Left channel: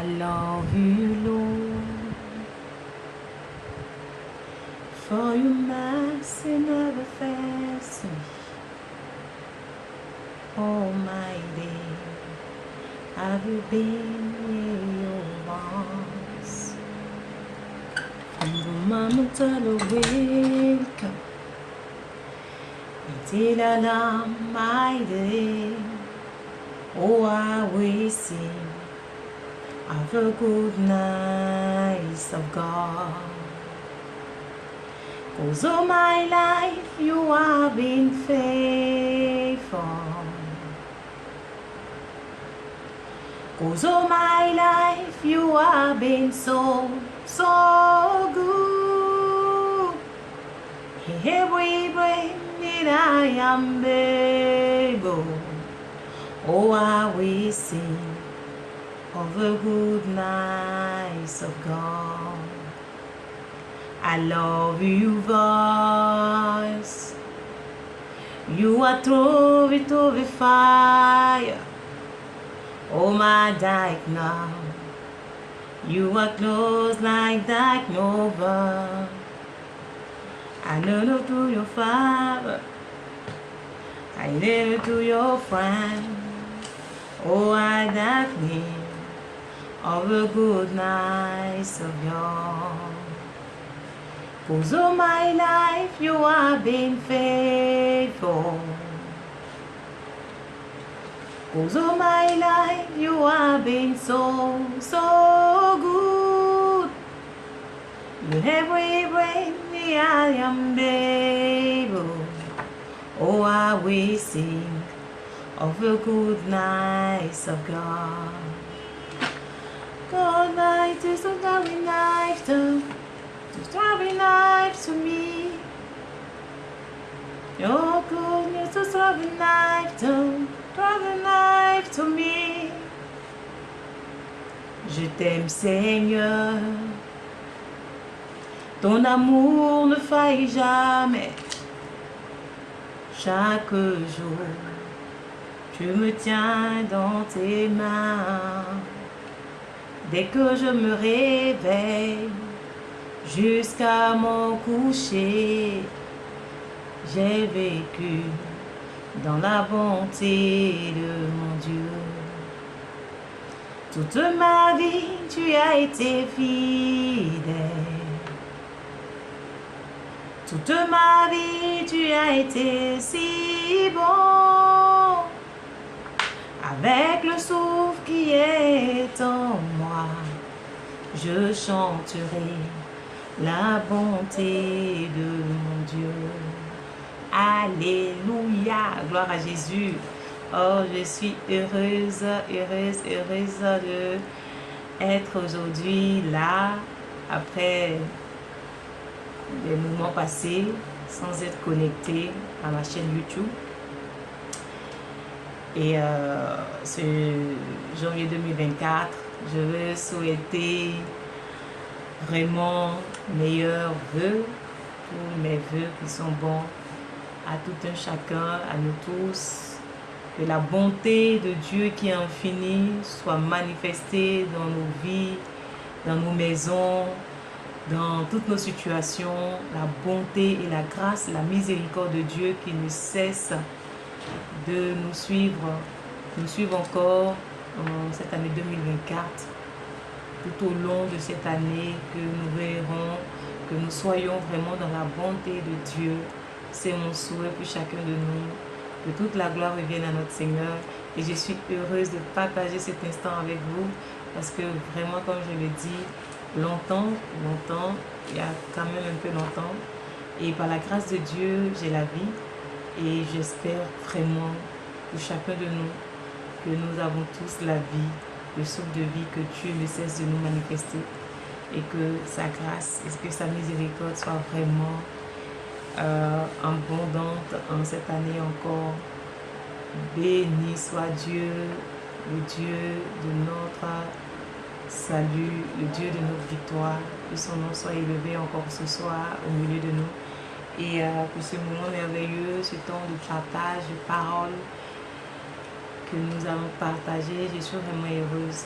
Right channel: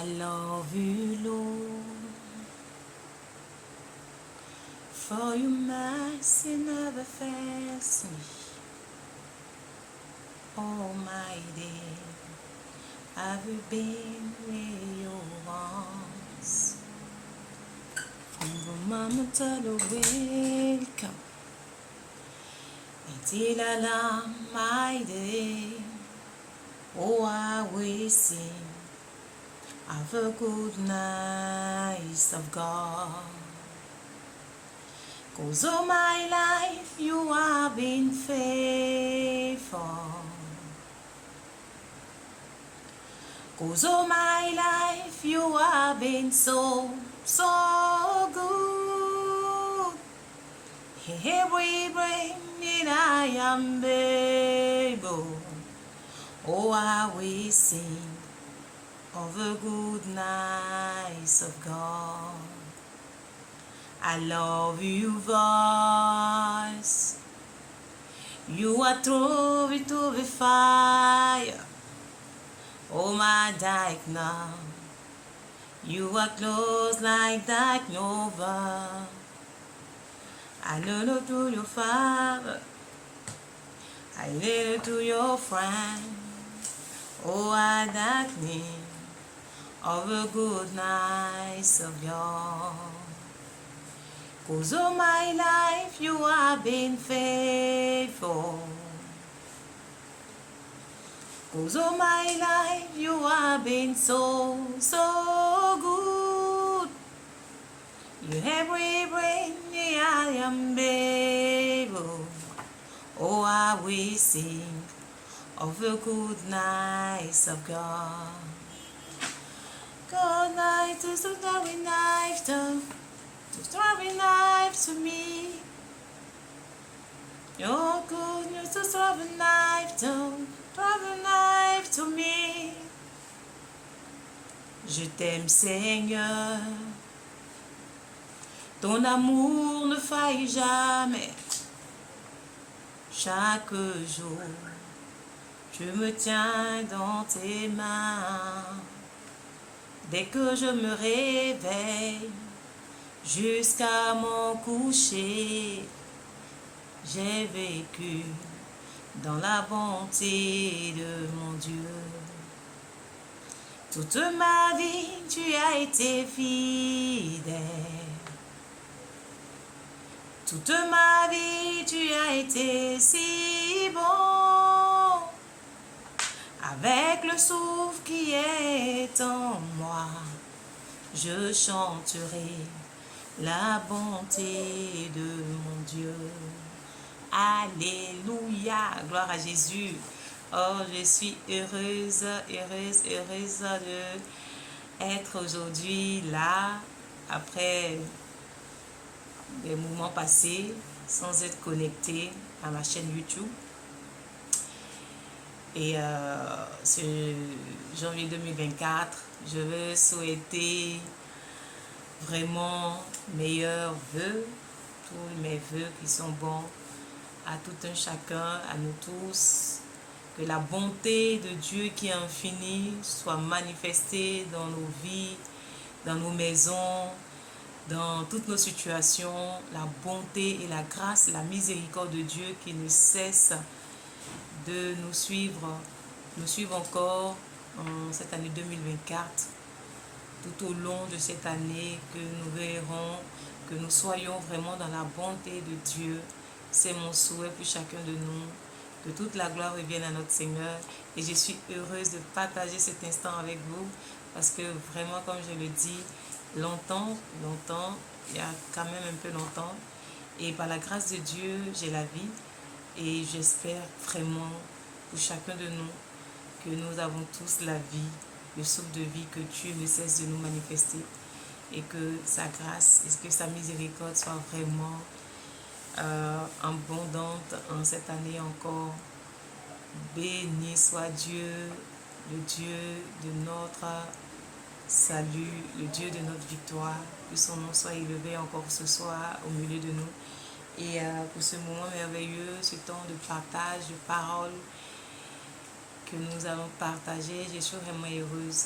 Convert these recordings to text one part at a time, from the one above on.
I love you, Lord, for your mercy never fails me. All my day, have you been in your arms? From the moment I wake up until alarm my day, oh, I will sing of the goodness of God. 'Cause all my life you have been faithful. 'Cause all my life you have been so good. Every breath that I am able, oh, I will sing of the goodness of God. I love you, voice. You are through the fire. Oh, my dark now. You are close like dark Nova. I know to your father. I know to your friend. Oh, I that name of the goodness of God. 'Cause all my life you have been faithful. 'Cause all my life you have been so good. You every breath I am able. Oh, I will sing of the goodness of God. God, night is a very night to very nice to me. Your goodness is very nice to me. Je t'aime, Seigneur. Ton amour ne faille jamais. Chaque jour, tu me tiens dans tes mains. Dès que je me réveille, jusqu'à mon coucher, j'ai vécu dans la bonté de mon Dieu. Toute ma vie, tu as été fidèle. Toute ma vie, tu as été si bon. Avec le souffle qui est en moi, je chanterai la bonté de mon Dieu. Alléluia, gloire à Jésus. Oh, je suis heureuse de être aujourd'hui là, après des moments passés sans être connectée à ma chaîne YouTube. Et ce janvier 2024, je veux souhaiter vraiment meilleurs vœux, tous mes vœux qui sont bons à tout un chacun, à nous tous. Que la bonté de Dieu qui est infinie soit manifestée dans nos vies, dans nos maisons, dans toutes nos situations. La bonté et la grâce, la miséricorde de Dieu qui ne cesse de nous suivre encore en cette année 2024. Tout au long de cette année, que nous verrons, que nous soyons vraiment dans la bonté de Dieu. C'est mon souhait pour chacun de nous. Que toute la gloire revienne à notre Seigneur. Et je suis heureuse de partager cet instant avec vous. Parce que vraiment, comme je le dis, longtemps, il y a quand même un peu longtemps. Et par la grâce de Dieu, j'ai la vie. Et j'espère vraiment pour chacun de nous que nous avons tous la vie, le souffle de vie, que Dieu ne cesse de nous manifester. Et que sa grâce et que sa miséricorde soit vraiment abondante en cette année encore. Béni soit Dieu, le Dieu de notre salut, le Dieu de notre victoire. Que son nom soit élevé encore ce soir au milieu de nous. Et pour ce moment merveilleux, ce temps de partage, de parole que nous allons partager, je suis vraiment heureuse.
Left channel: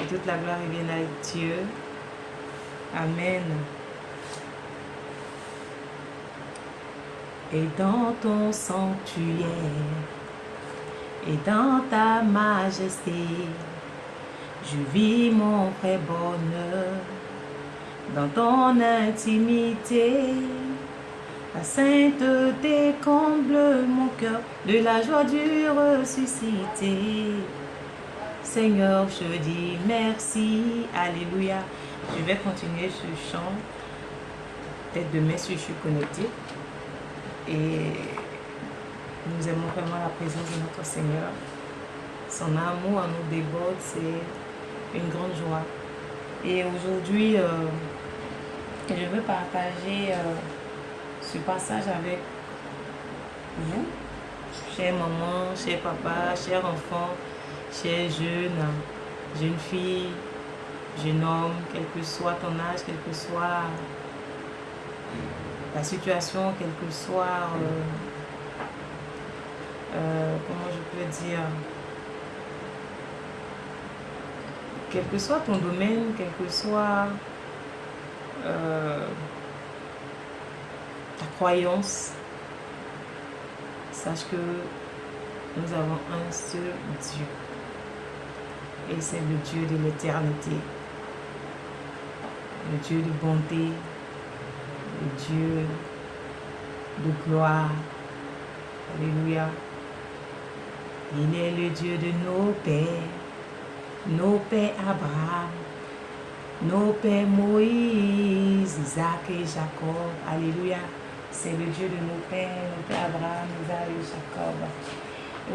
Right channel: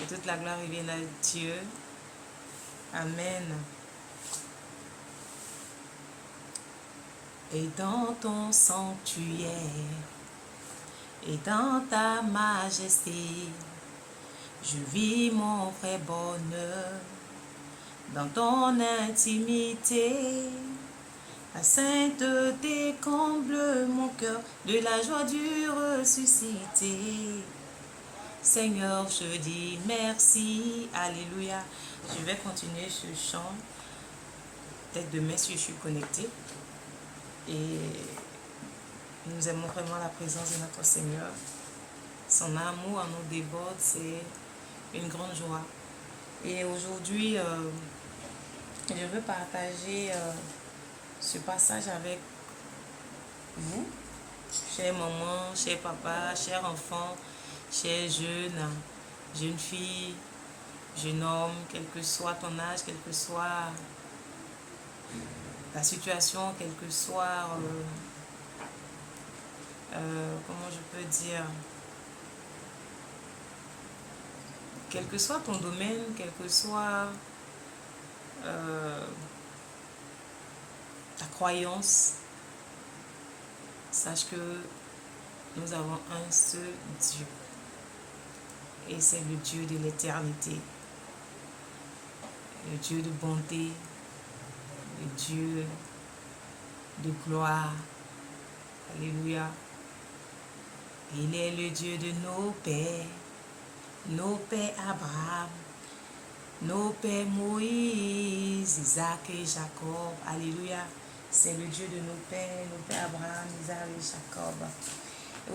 Et toute la gloire revient à Dieu. Amen. Et dans ton sanctuaire, et dans ta majesté, je vis mon vrai bonheur. Dans ton intimité, la sainteté comble mon cœur de la joie du ressuscité. Seigneur, je dis merci. Alléluia. Je vais continuer ce chant. Peut-être demain si je suis connectée. Et nous aimons vraiment la présence de notre Seigneur. Son amour en nous déborde, c'est une grande joie. Et aujourd'hui, je veux partager ce passage avec vous, chère maman, cher papa, cher enfant, cher jeune fille, jeune homme, quel que soit ton âge, quel que soit la situation, quel que soit, comment je peux dire, quel que soit ton domaine, quel que soit ta croyance, sache que nous avons un seul Dieu. Et c'est le Dieu de l'éternité, le Dieu de bonté, le Dieu de gloire. Alléluia. Il est le Dieu de nos pères Abraham, nos pères Moïse, Isaac et Jacob. Alléluia. C'est le Dieu de nos pères Abraham, Isaac et Jacob.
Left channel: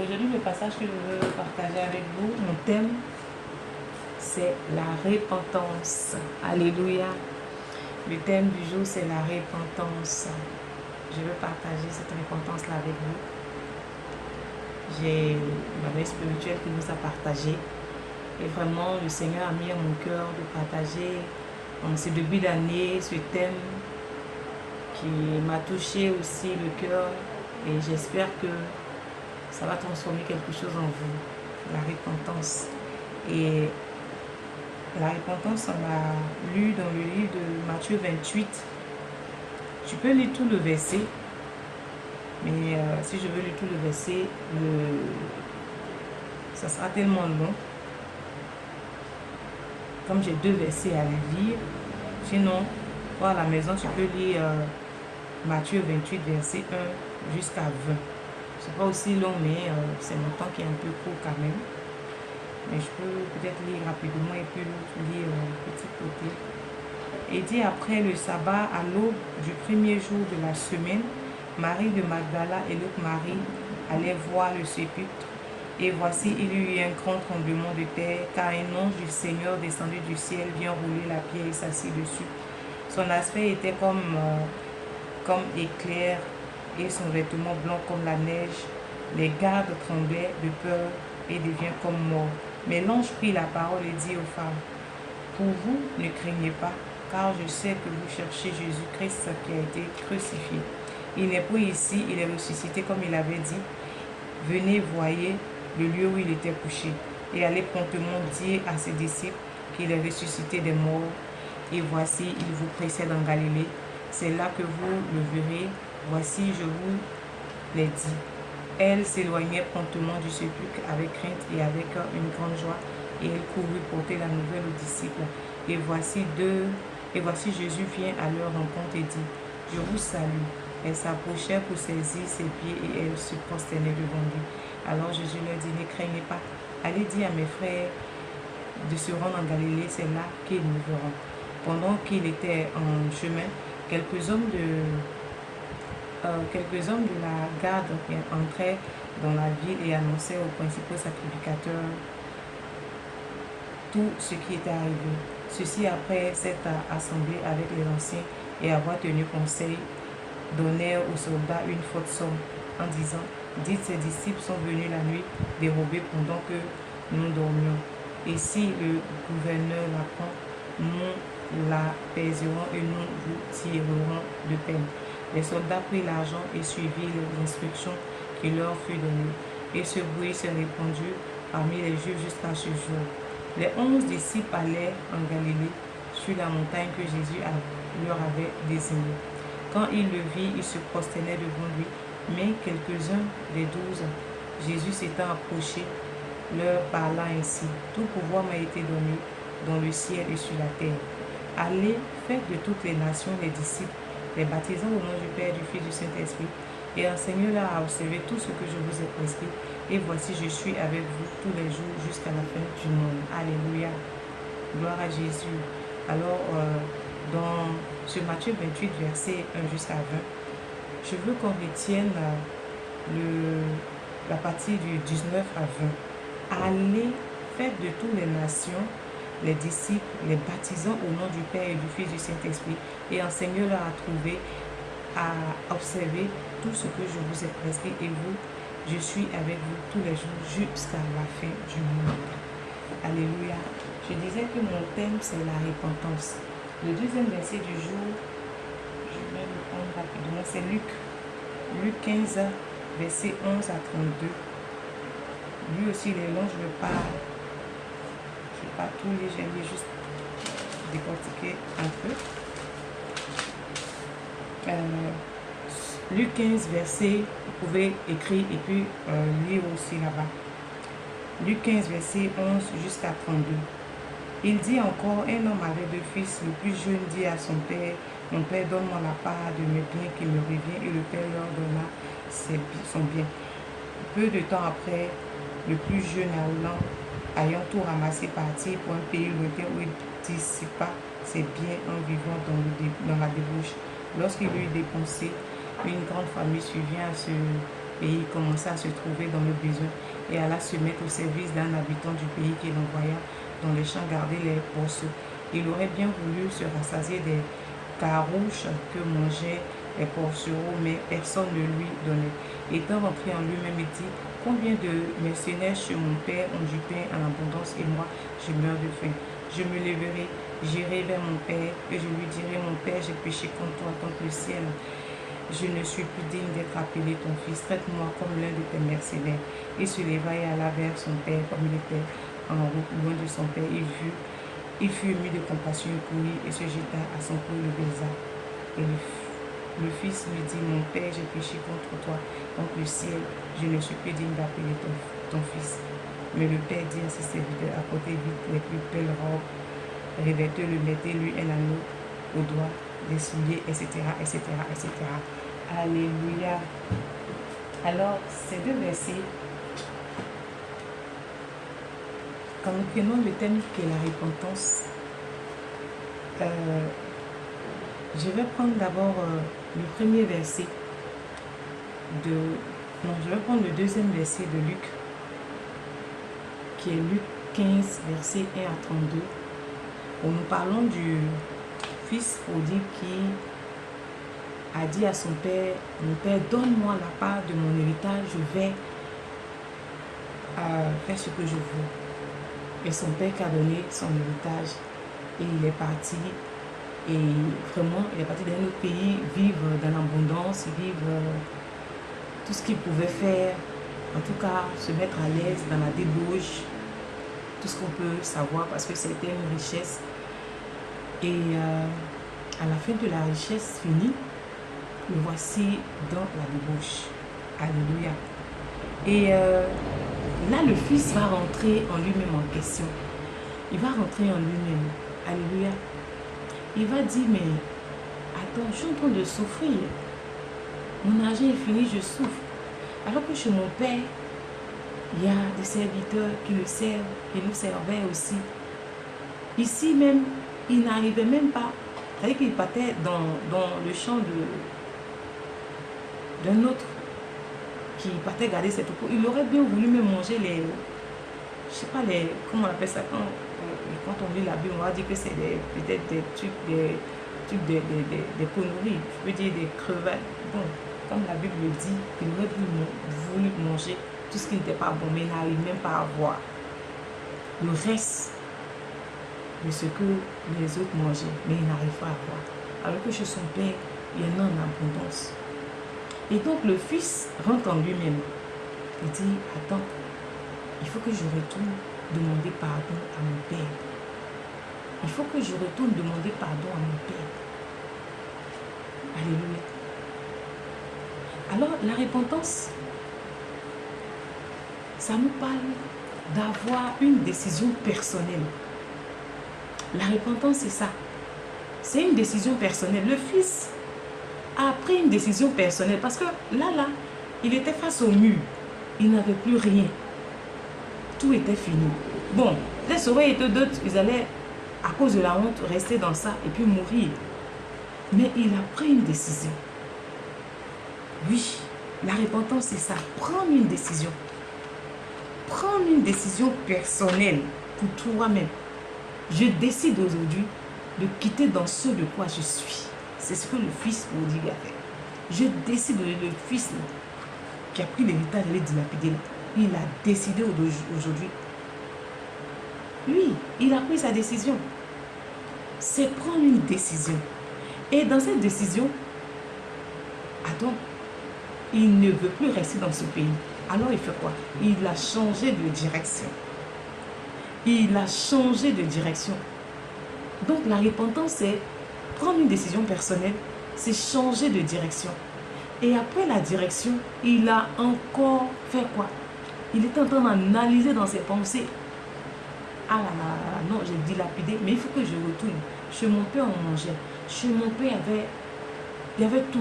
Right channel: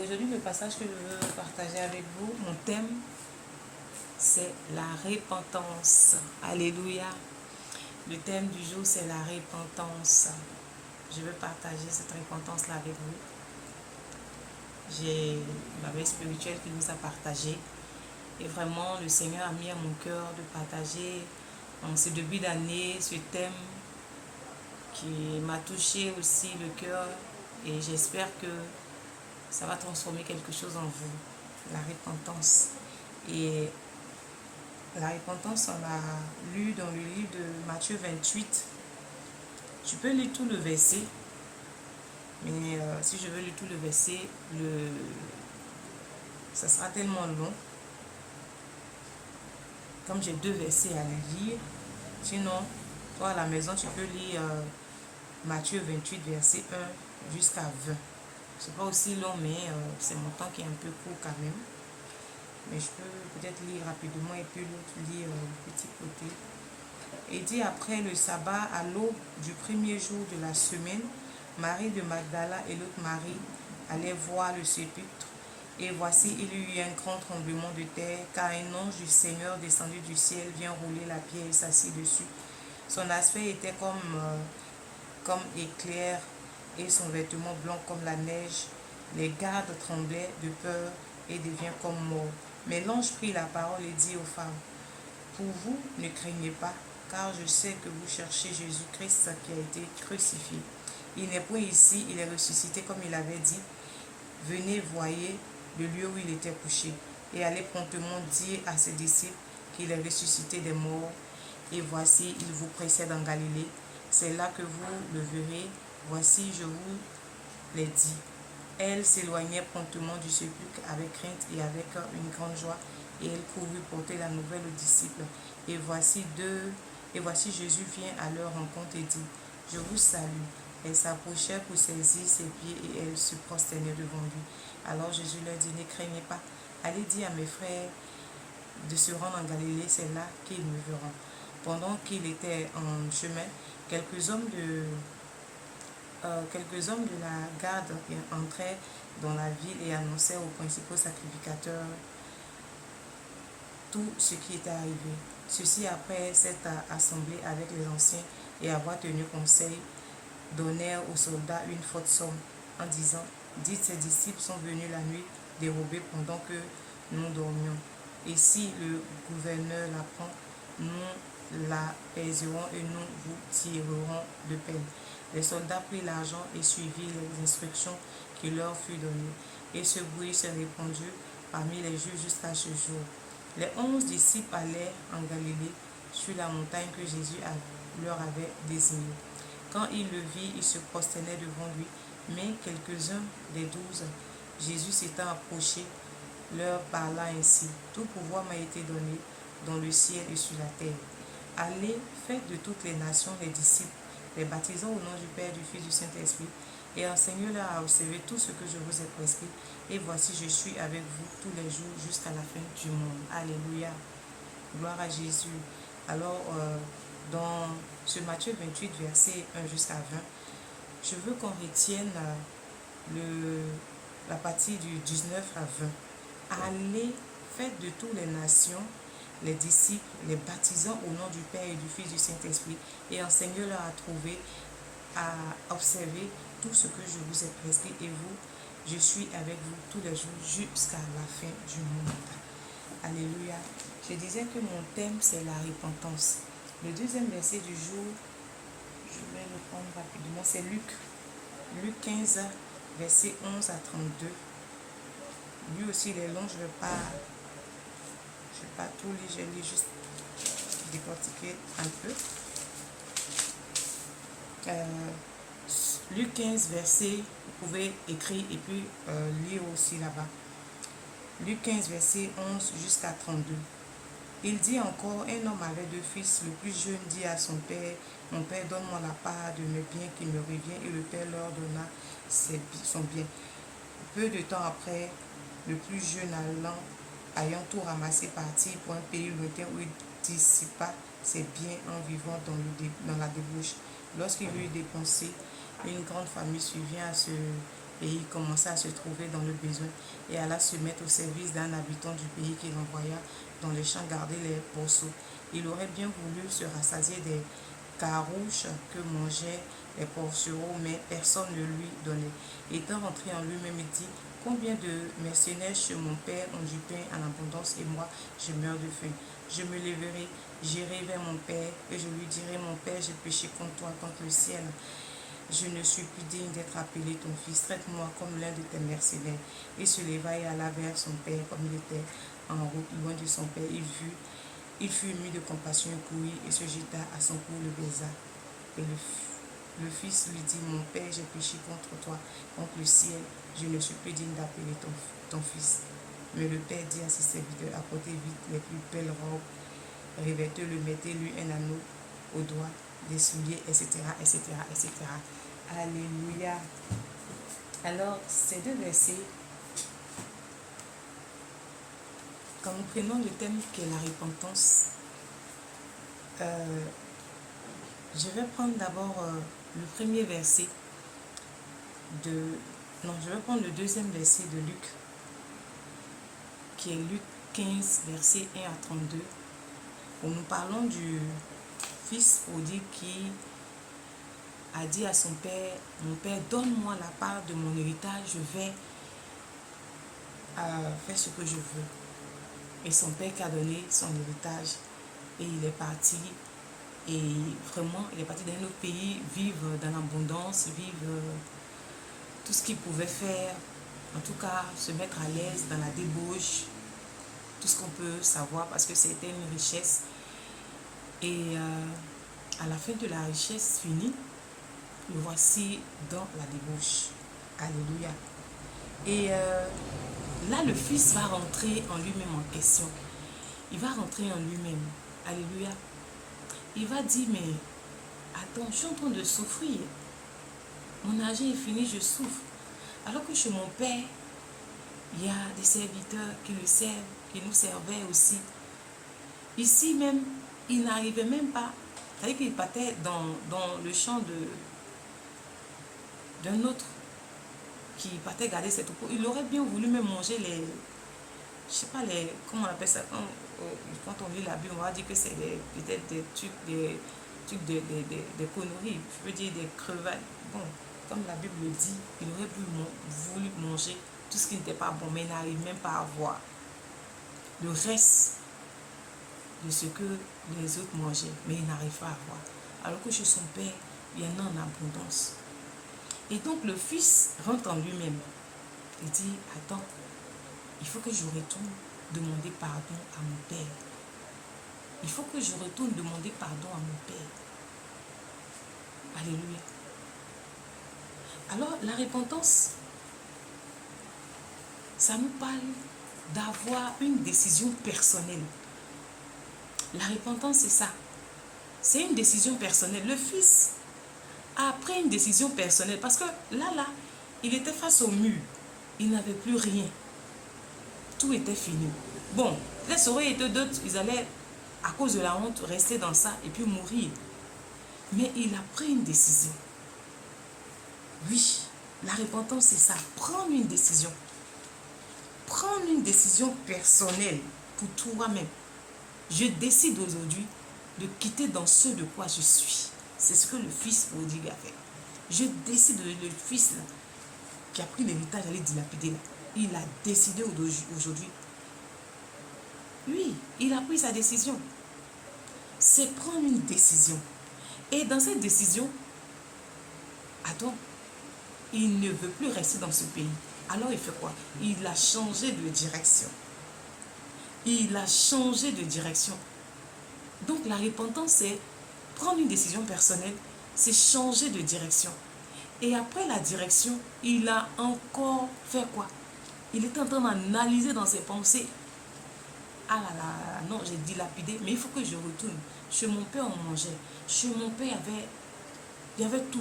Aujourd'hui, le passage que je veux partager avec vous, mon thème, c'est la repentance. Alléluia. Le thème du jour, c'est la repentance. Je veux partager cette repentance-là avec vous. J'ai ma mère spirituelle qui nous a partagé. Et vraiment, le Seigneur a mis à mon cœur de partager en ce début d'année ce thème qui m'a touché aussi le cœur. Et j'espère que ça va transformer quelque chose en vous. La repentance. Et la repentance, on l'a lu dans le livre de Matthieu 28. Tu peux lire tout le verset. Mais si je veux lire tout le verset, ça sera tellement long. Comme j'ai 2 versets à lire, sinon, toi à la maison, tu peux lire Matthieu 28, verset 1 jusqu'à 20. C'est pas aussi long, mais c'est mon temps qui est un peu court quand même. Mais je peux peut-être lire rapidement et puis lire un petit côté. Et dit après le sabbat, à l'aube du premier jour de la semaine, Marie de Magdala et l'autre Marie allaient voir le sépulcre. Et voici, il y eut un grand tremblement de terre, car un ange du Seigneur descendu du ciel vient rouler la pierre et s'assit dessus. Son aspect était comme éclair et son vêtement blanc comme la neige. Les gardes tremblaient de peur et devinrent comme morts. Mais l'ange prit la parole et dit aux femmes, pour vous, ne craignez pas, car je sais que vous cherchez Jésus-Christ qui a été crucifié. Il n'est plus ici, il est ressuscité comme il avait dit. Venez, voyez le lieu où il était couché, et allez promptement dire à ses disciples qu'il est ressuscité des morts. Et voici, il vous précède en Galilée. C'est là que vous le verrez. Voici, je vous l'ai dit. Elle s'éloignait promptement du sépulcre avec crainte et avec une grande joie, et il courut porter la nouvelle aux disciples. Et voici Jésus vient à leur rencontre et dit, je vous salue. Elle s'approchait pour saisir ses pieds et elle se prosternait devant lui. Alors Jésus leur dit, ne craignez pas, allez dire à mes frères de se rendre en Galilée, c'est là qu'ils nous verront. Pendant qu'il était en chemin, quelques hommes de la garde entraient dans la ville et annonçaient aux principaux sacrificateurs tout ce qui était arrivé. Ceux-ci, après s'être assemblés avec les anciens et avoir tenu conseil, donnèrent aux soldats une forte somme en disant, dites, ses disciples sont venus la nuit dérober pendant que nous dormions. Et si le gouverneur l'apprend, nous l'apaiserons et nous vous tirerons de peine. Les soldats prirent l'argent et suivirent les instructions qui leur furent données. Et ce bruit s'est répandu parmi les Juifs jusqu'à ce jour. Les 11 disciples allaient en Galilée, sur la montagne que Jésus leur avait désignée. Quand ils le virent, ils se prosternaient devant lui, mais quelques-uns des 12, Jésus s'étant approché, leur parla ainsi: Tout pouvoir m'a été donné dans le ciel et sur la terre. Allez, faites de toutes les nations les disciples, les baptisant au nom du Père, du Fils et du Saint-Esprit, et enseignez-leur à observer tout ce que je vous ai prescrit. Et voici, je suis avec vous tous les jours jusqu'à la fin du monde. Alléluia. Gloire à Jésus. Alors, dans ce Matthieu 28, verset 1 jusqu'à 20, je veux qu'on retienne la partie du 19 à 20. Allez, faites de toutes les nations les disciples, les baptisant au nom du Père et du Fils et du Saint-Esprit, et enseignez-leur à trouver, à observer tout ce que je vous ai prescrit, et vous, je suis avec vous tous les jours jusqu'à la fin du monde. Alléluia. Je disais que mon thème, c'est la repentance. Le deuxième verset du jour, je vais le prendre rapidement, c'est Luc 15, verset 11 à 32. Lui aussi, les longs, je ne vais pas tout lire, je vais juste décortiquer un peu. Luc 15, verset, vous pouvez écrire et puis lire aussi là-bas. Luc 15, verset 11 jusqu'à 32. Il dit encore: Un homme avait 2 fils. Le plus jeune dit à son père: Mon père, donne-moi la part de mes biens qui me revient. Et le père leur donna son bien. Peu de temps après, le plus jeune ayant tout ramassé, partit pour un pays lointain où il dissipa ses biens en vivant dans la débauche. Lorsqu'il eut dépensé, une grande famille survint à ce pays, commença à se trouver dans le besoin et alla se mettre au service d'un habitant du pays qu'il envoya dans les champs garder les pourceaux. Il aurait bien voulu se rassasier des carouches que mangeaient les porcereaux, mais personne ne lui donnait. Étant rentré en lui-même, il dit: Combien de mercenaires chez mon père ont du pain en abondance, et moi je meurs de faim. Je me lèverai, j'irai vers mon père, et je lui dirai: Mon père, j'ai péché contre toi, contre le ciel. Je ne suis plus digne d'être appelé ton fils. Traite-moi comme l'un de tes mercenaires. Il se leva et alla vers son père. Comme il était en route loin de son père, il fut ému de compassion, il courut et se jeta à son cou, le baisa. Et le fils lui dit: Mon père, j'ai péché contre toi, contre le ciel. Je ne suis plus digne d'appeler ton fils. Mais le père dit à ses serviteurs: Apportez vite les plus belles robes, revêtez-le, mettez-lui un anneau au doigt, des souliers, etc., etc., etc. Alléluia. Alors, ces 2 versets, quand nous prenons le thème qui est la repentance, je vais prendre d'abord le premier verset je vais prendre le deuxième verset de Luc, qui est Luc 15, verset 1 à 32, où nous parlons du fils prodigue qui a dit à son père: Mon père, donne-moi la part de mon héritage, je vais faire ce que je veux. Et son père qui a donné son héritage, et il est parti, et vraiment il est parti dans un autre pays, vivre dans l'abondance, vivre tout ce qu'il pouvait faire, en tout cas se mettre à l'aise dans la débauche, tout ce qu'on peut savoir, parce que c'était une richesse. Et à la fin de la richesse finie, le voici dans la débauche. Alléluia. Et là, le fils va rentrer en lui-même en question. Il va rentrer en lui-même. Alléluia. Il va dire: Mais attends, je suis en train de souffrir. Mon argent est fini, je souffre. Alors que chez mon père, il y a des serviteurs qui le servent, qui nous servaient aussi. Ici même, il n'arrivait même pas. C'est-à-dire qu'il partait dans le champ d'un autre qui partait garder ses troupeaux. Il aurait bien voulu me manger les... Je sais pas, comment on appelle ça, quand on lit la Bible, on va dire que c'est peut-être des trucs, des conneries. Je veux dire des crevettes. Bon, comme la Bible le dit, il aurait voulu manger tout ce qui n'était pas bon, mais il n'arrive même pas à voir le reste de ce que les autres mangeaient, mais il n'arrive pas à voir. Alors que chez son père, il y en a en abondance. Et donc le fils rentre en lui-même. Il dit: Attends, il faut que je retourne demander pardon à mon Père. Il faut que je retourne demander pardon à mon Père. Alléluia. Alors, la repentance, ça nous parle d'avoir une décision personnelle. La repentance, c'est ça. C'est une décision personnelle. Le Fils a pris une décision personnelle parce que là, il était face au mur. Il n'avait plus rien. Tout était fini. Bon, les auraient été d'autres, ils allaient, à cause de la honte, rester dans ça et puis mourir. Mais il a pris une décision. Oui, la repentance, c'est ça. Prendre une décision. Prendre une décision personnelle pour toi-même. Je décide aujourd'hui de quitter dans ce de quoi je suis. C'est ce que le Fils prodigue a fait. Je décide, le Fils là, qui a pris l'héritage, d'aller dilapider là, il a décidé aujourd'hui. Oui, il a pris sa décision. C'est prendre une décision. Et dans cette décision, attends, il ne veut plus rester dans ce pays. Alors il fait quoi? Il a changé de direction. Il a changé de direction. Donc la repentance, c'est prendre une décision personnelle, c'est changer de direction. Et après la direction, il a encore fait quoi? Il était en train d'analyser dans ses pensées. Ah là là, non, j'ai dilapidé, mais il faut que je retourne. Chez mon père, on mangeait. Chez mon père, il y avait tout.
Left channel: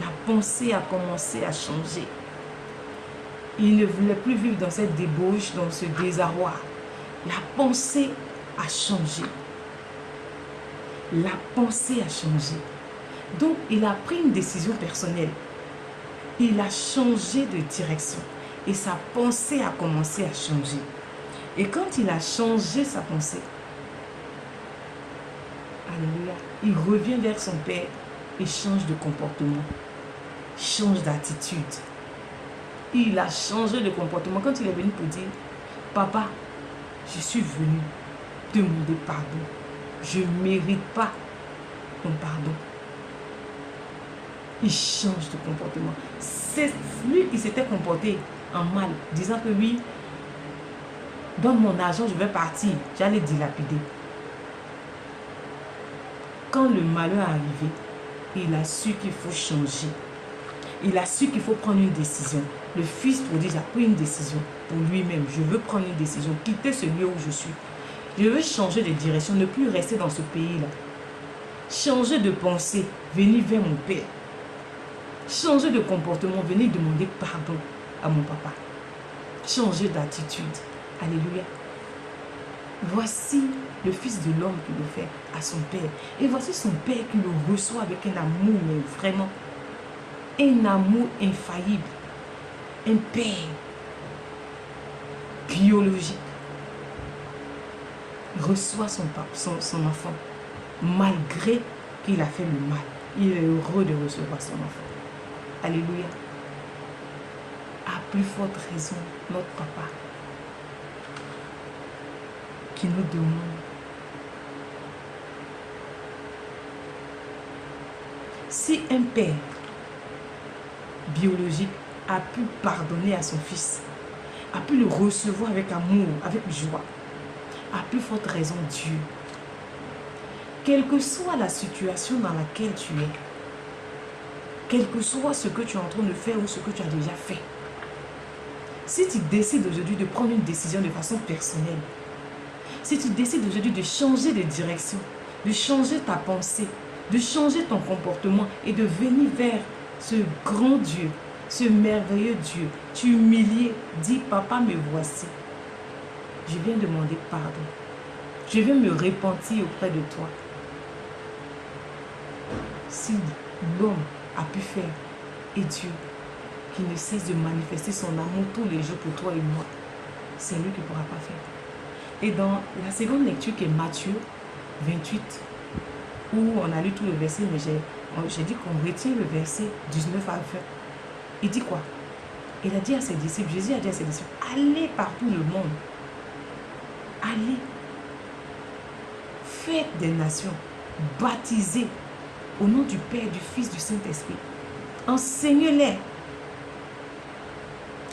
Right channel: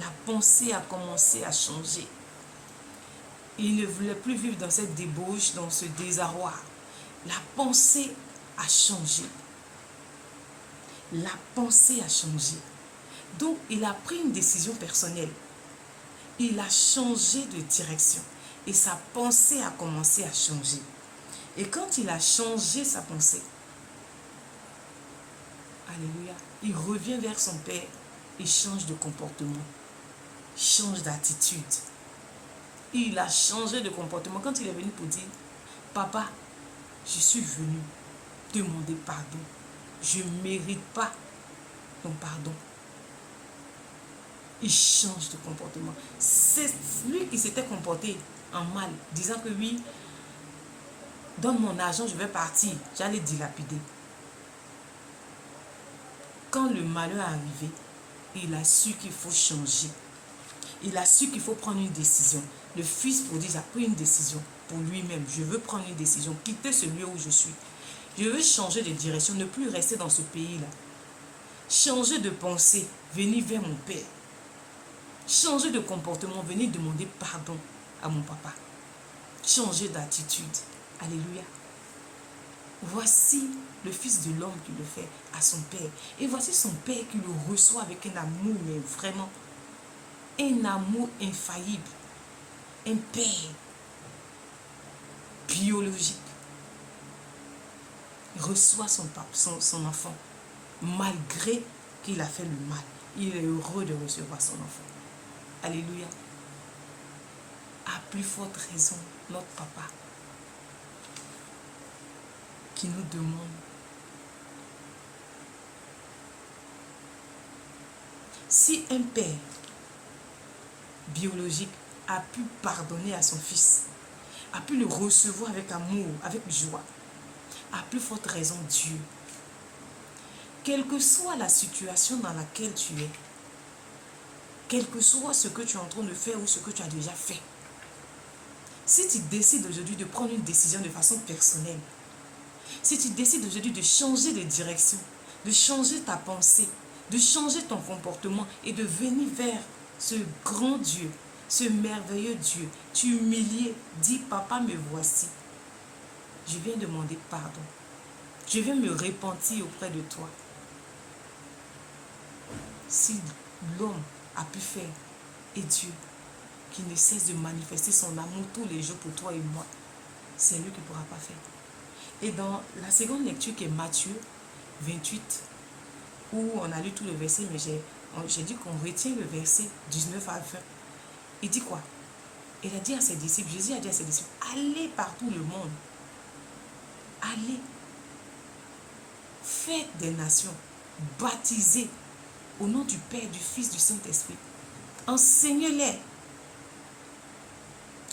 La pensée a commencé à changer. Il ne voulait plus vivre dans cette débauche, dans ce désarroi. La pensée a changé. La pensée a changé. Donc, il a pris une décision personnelle. Il a changé de direction. Et sa pensée a commencé à changer. Et quand il a changé sa pensée, alléluia, il revient vers son Père et change de comportement. Change d'attitude. Il a changé de comportement. Quand il est venu pour dire, papa, je suis venu demander pardon. Je ne mérite pas ton pardon. Il change de comportement. C'est lui qui s'était comporté en mal, disant que oui, donne mon argent, je vais partir. J'allais dilapider. Quand le malheur est arrivé, il a su qu'il faut changer. Il a su qu'il faut prendre une décision. Le Fils prodigue a pris une décision pour lui-même. Je veux prendre une décision, quitter ce lieu où je suis. Je veux changer de direction, ne plus rester dans ce pays-là. Changer de pensée, venir vers mon Père. Changer de comportement, venir demander pardon à mon papa. Changer d'attitude. Alléluia. Voici le Fils de l'homme qui le fait à son Père. Et voici son Père qui le reçoit avec un amour, mais vraiment, un amour infaillible. Un Père biologique. Il reçoit son enfant, malgré qu'il a fait le mal. Il est heureux de recevoir son enfant. Alléluia. À plus forte raison, notre papa, qui nous demande. Si un père biologique a pu pardonner à son fils, a pu le recevoir avec amour, avec joie, à plus forte raison Dieu. Quelle que soit la situation dans laquelle tu es, quel que soit ce que tu es en train de faire ou ce que tu as déjà fait, si tu décides aujourd'hui de prendre une décision de façon personnelle, si tu décides aujourd'hui de changer de direction, de changer ta pensée, de changer ton comportement et de venir vers ce grand Dieu, ce merveilleux Dieu, tu humilies, dis papa me voici. Je viens demander pardon. Je viens me repentir auprès de toi. Si l'homme a pu faire, et Dieu, qui ne cesse de manifester son amour tous les jours pour toi et moi, c'est lui qui ne pourra pas faire. Et dans la seconde lecture qui est Matthieu 28, où on a lu tout le verset, mais j'ai dit qu'on retient le verset 19 à 20. Il dit quoi? Il a dit à ses disciples, Jésus a dit à ses disciples, allez partout le monde. Allez. Faites des nations. Baptisez au nom du Père, du Fils, du Saint-Esprit. Enseignez-les.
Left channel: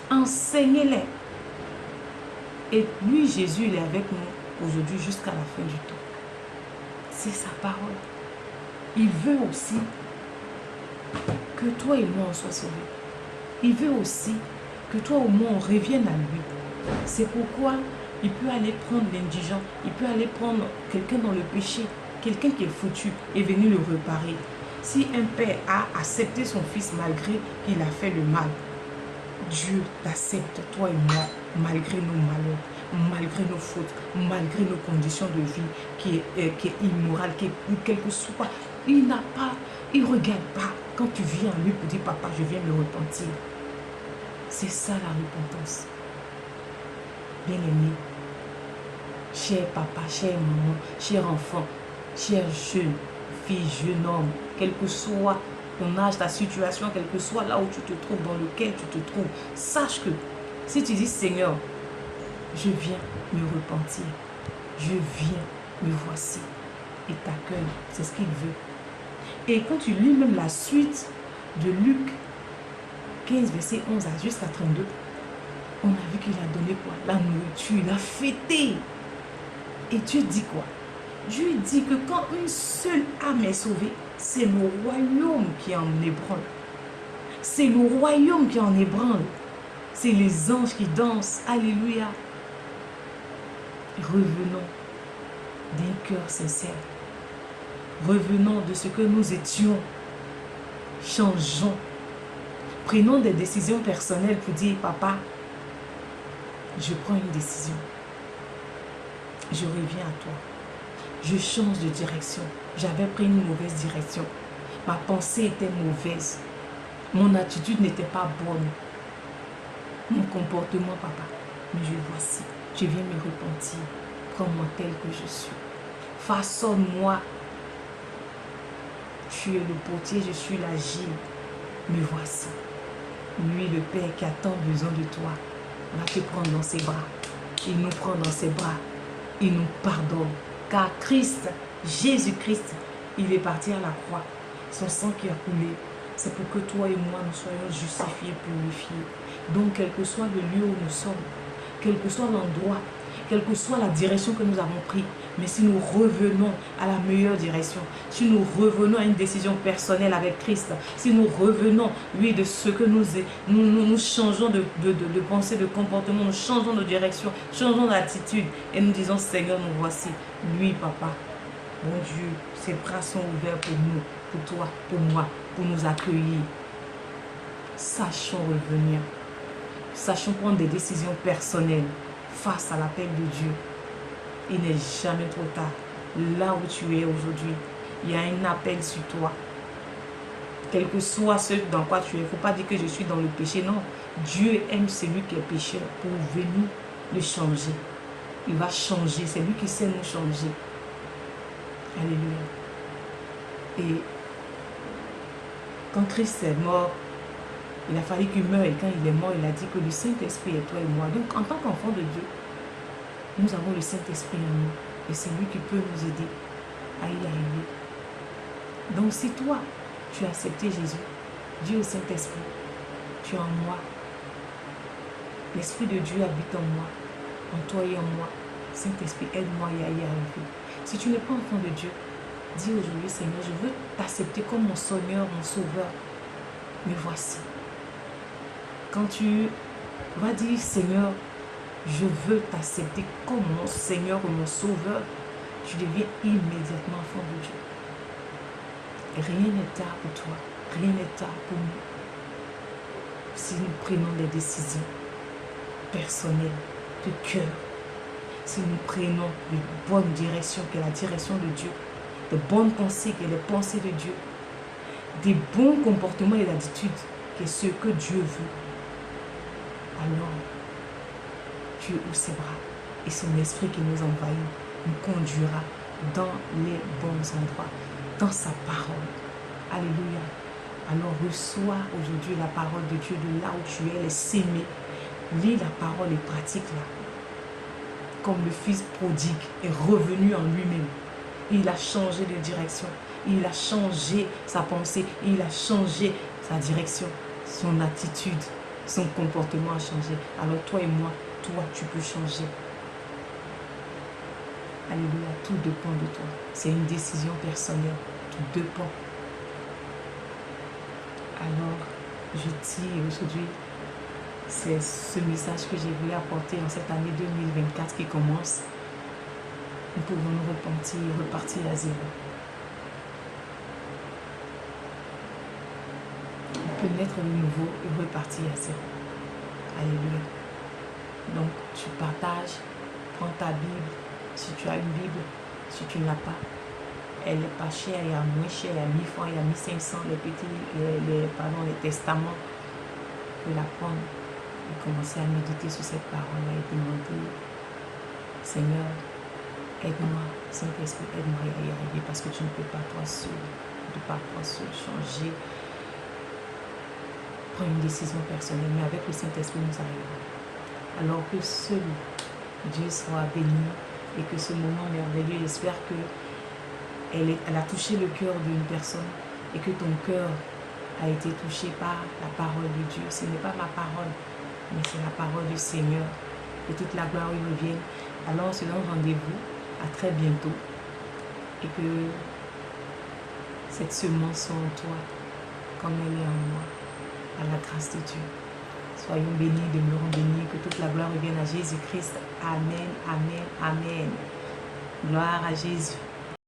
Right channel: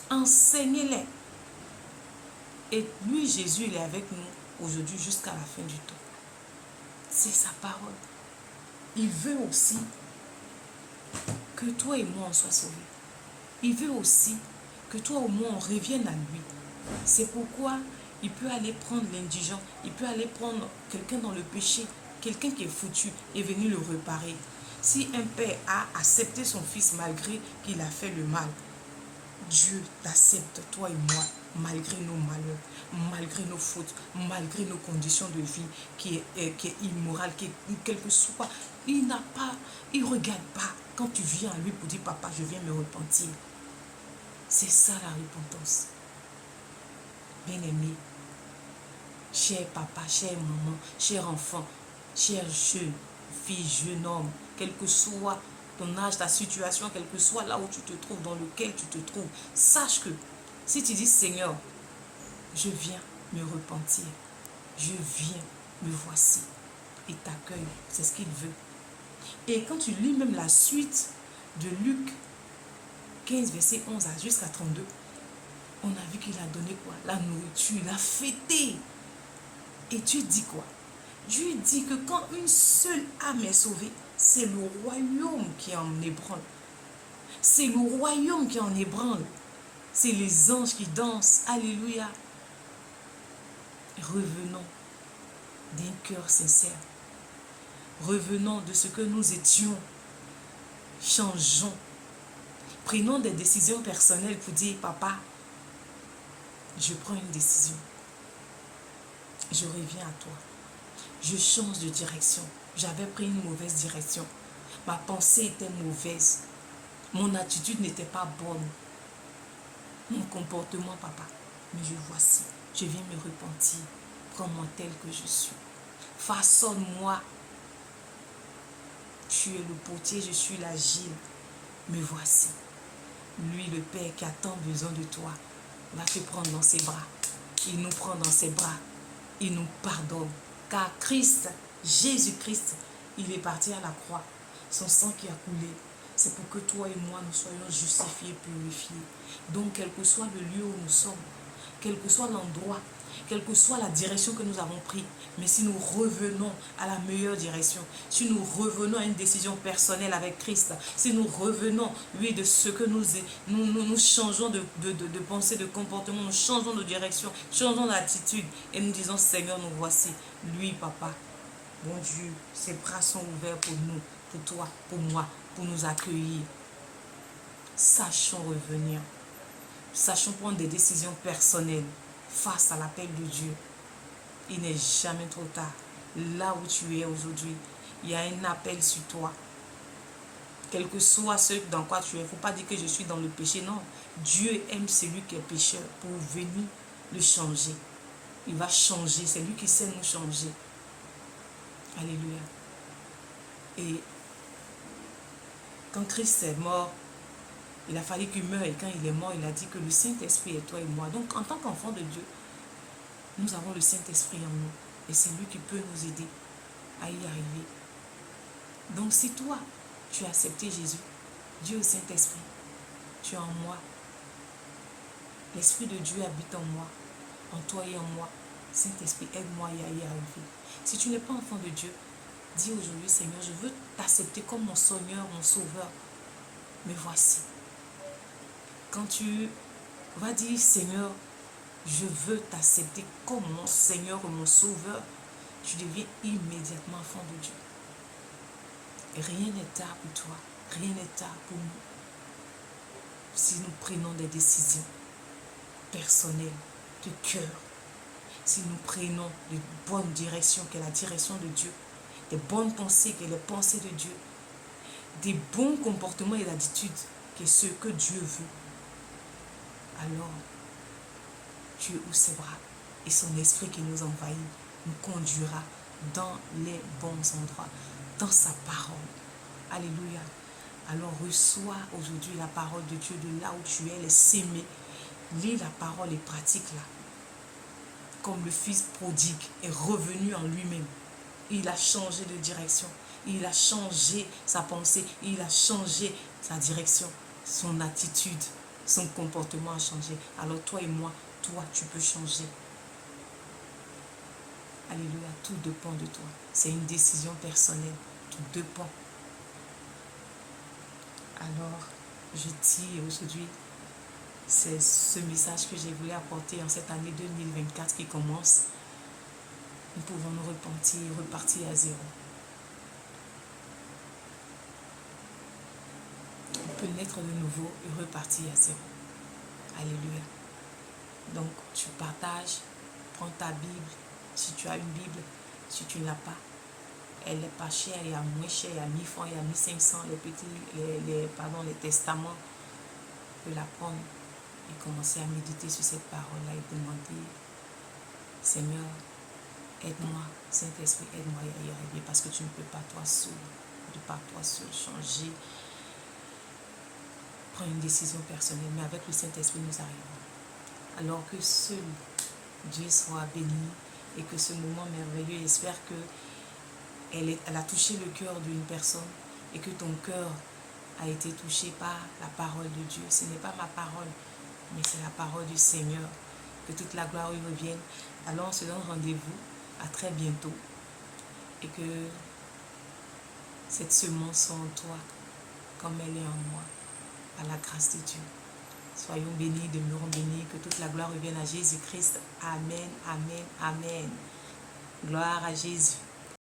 Enseignez-les. Et lui, Jésus, il est avec nous aujourd'hui jusqu'à la fin du temps. C'est sa parole. Il veut aussi que toi et moi, on soit sauvés. Il veut aussi que toi ou moi, on revienne à lui. C'est pourquoi il peut aller prendre l'indigent, il peut aller prendre quelqu'un dans le péché, quelqu'un qui est foutu et venir le réparer. Si un père a accepté son fils malgré qu'il a fait le mal, Dieu l'accepte, toi et moi, malgré nos malheurs, malgré nos fautes, malgré nos conditions de vie qui est immorale, quel que soit. Il ne regarde pas quand tu viens à lui pour dire, papa, je viens me repentir. C'est ça la repentance. Bien-aimé, cher papa, chère maman, cher enfant, cher jeune fille, jeune homme, quel que soit ton âge, ta situation, quel que soit là où tu te trouves, dans lequel tu te trouves, sache que si tu dis, Seigneur, je viens me repentir, je viens, me voici, et t'accueille, c'est ce qu'il veut. Et quand tu lis même la suite de Luc 15, verset 11 jusqu'à 32, on a vu qu'il a donné quoi? La nourriture, il a fêté. Et Dieu dit quoi? Dieu dit que quand une seule âme est sauvée, c'est le royaume qui en ébranle. C'est le royaume qui en ébranle. C'est les anges qui dansent. Alléluia. Revenons d'un cœur sincère. Revenons de ce que nous étions. Changeons. Prenons des décisions personnelles pour dire, papa, je prends une décision. Je reviens à toi. Je change de direction. J'avais pris une mauvaise direction. Ma pensée était mauvaise. Mon attitude n'était pas bonne. Mon comportement, papa. Mais je voici. Je viens me repentir. Prends-moi tel que je suis. Façonne-moi. Tu es le potier, je suis l'agile. Me voici. Lui, le Père qui a tant besoin de toi, va te prendre dans ses bras. Il nous prend dans ses bras. Il nous pardonne. Car Christ, Jésus-Christ, il est parti à la croix. Son sang qui a coulé, c'est pour que toi et moi, nous soyons justifiés, purifiés. Donc, quel que soit le lieu où nous sommes, quel que soit l'endroit, quelle que soit la direction que nous avons prise, mais si nous revenons à la meilleure direction, si nous revenons à une décision personnelle avec Christ, si nous revenons, oui, de ce que nous changeons de pensée, de comportement, nous changeons de direction, changeons d'attitude, et nous disons, Seigneur, nous voici, lui, papa, mon Dieu, ses bras sont ouverts pour nous, pour toi, pour moi, pour nous accueillir. Sachons revenir, sachons prendre des décisions personnelles face à l'appel de Dieu. Il n'est jamais trop tard. Là où tu es aujourd'hui, il y a un appel sur toi. Quel que soit ce dans quoi tu es, il ne faut pas dire que je suis dans le péché. Non, Dieu aime celui qui est pécheur pour venir le changer. Il va changer, c'est lui qui sait nous changer. Alléluia. Et quand Christ est mort, il a fallu qu'il meure, et quand il est mort, il a dit que le Saint-Esprit est toi et moi. Donc, en tant qu'enfant de Dieu, nous avons le Saint-Esprit en nous. Et c'est lui qui peut nous aider à y arriver. Donc, si toi, tu as accepté Jésus, Dieu au Saint-Esprit, tu es en moi. L'Esprit de Dieu habite en moi, en toi et en moi. Saint-Esprit, aide-moi à y arriver. Si tu n'es pas enfant de Dieu, dis aujourd'hui, Seigneur, je veux t'accepter comme mon Seigneur, mon Sauveur. Me voici. Quand tu vas dire, Seigneur, je veux t'accepter comme mon Seigneur et mon Sauveur, tu deviens immédiatement enfant de Dieu. Rien n'est tard pour toi, rien n'est tard pour nous. Si nous prenons des décisions personnelles, de cœur, si nous prenons de bonnes directions, qui est la direction de Dieu, de bonnes pensées, qui est les pensées de Dieu, des bons comportements et d'attitudes, qui est ce que Dieu veut, alors Dieu ouvre ses bras et son esprit qui nous envahit nous conduira dans les bons endroits, dans sa parole. Alléluia. Alors reçois aujourd'hui la parole de Dieu de là où tu es, les s'aimer. Lis la parole et pratique-la. Comme le fils prodigue est revenu en lui-même. Il a changé de direction. Il a changé sa pensée. Il a changé sa direction. Son attitude, son comportement a changé. Alors toi et moi, toi, tu peux changer. Alléluia, tout dépend de toi. C'est une décision personnelle. Tout dépend. Alors, je dis aujourd'hui, c'est ce message que j'ai voulu apporter en cette année 2024 qui commence. Nous pouvons nous repentir, repartir à zéro. On peut naître de nouveau et repartir à zéro. Alléluia. Donc, tu partages, prends ta Bible. Si tu as une Bible, si tu ne l'as pas, elle n'est pas chère, il y a moins cher, il y a 1000 francs, il y a 1500, les testaments. Tu peux la prendre et commencer à méditer sur cette parole-là et demander, Seigneur, aide-moi, Saint-Esprit, aide-moi à y arriver parce que tu ne peux pas toi seul, de par toi seul changer. Prends une décision personnelle, mais avec le Saint-Esprit, nous arriverons. Alors que seul Dieu soit béni et que ce moment merveilleux, j'espère que elle a touché le cœur d'une personne et que ton cœur a été touché par la parole de Dieu. Ce n'est pas ma parole, mais c'est la parole du Seigneur. Que toute la gloire lui revienne. Alors on se donne rendez-vous à très bientôt et que cette semence soit en toi comme elle est en moi, à la grâce de Dieu. Soyons bénis, demeurons bénis, que toute la gloire revienne à Jésus-Christ. Amen, amen, amen. Gloire à Jésus.